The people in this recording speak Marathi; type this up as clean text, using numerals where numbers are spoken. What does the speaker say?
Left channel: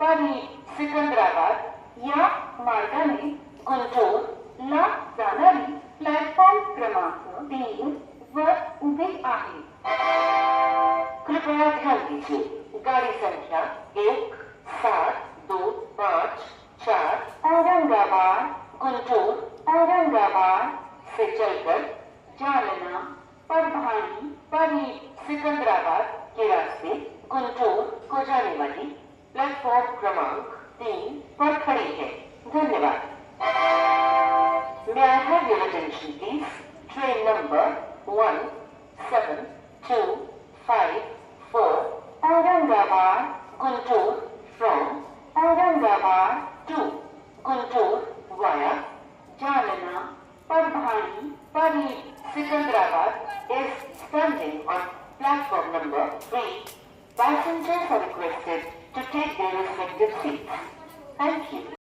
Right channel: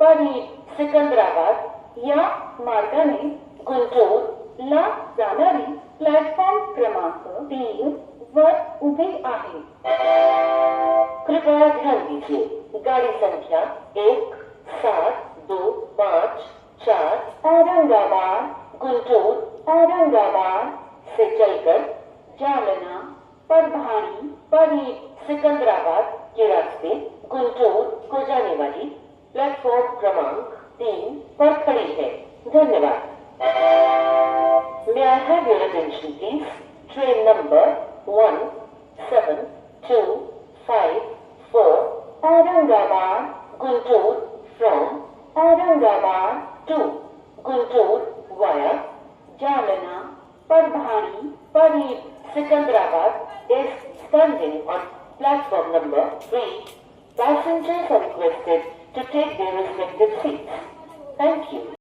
परी सिकंदराबाद या मार्गाने गुंटूरला जाणारी प्लॅटफॉर्म क्रमांक 3 वर उभी आहे. कृपया ध्यान दीजिए, गाड़ी संख्या 17254 औरंगाबाद गुंटूर औरंगाबाद से चलकर जालना परभानी परी सिकंदराबाद के रास्ते गुंटूर को जाने वाली प्लेटफॉर्म क्रमांक 3 पर खड़ी है. धन्यवाद. May I have your attention please? Train number 1725 Aurangabad Guntur from Aurangabad to Guntur via Jalna Parbhani Pari Sikandrabad is standing on platform number 3. Passengers are requested to take their respective seats. Thank you.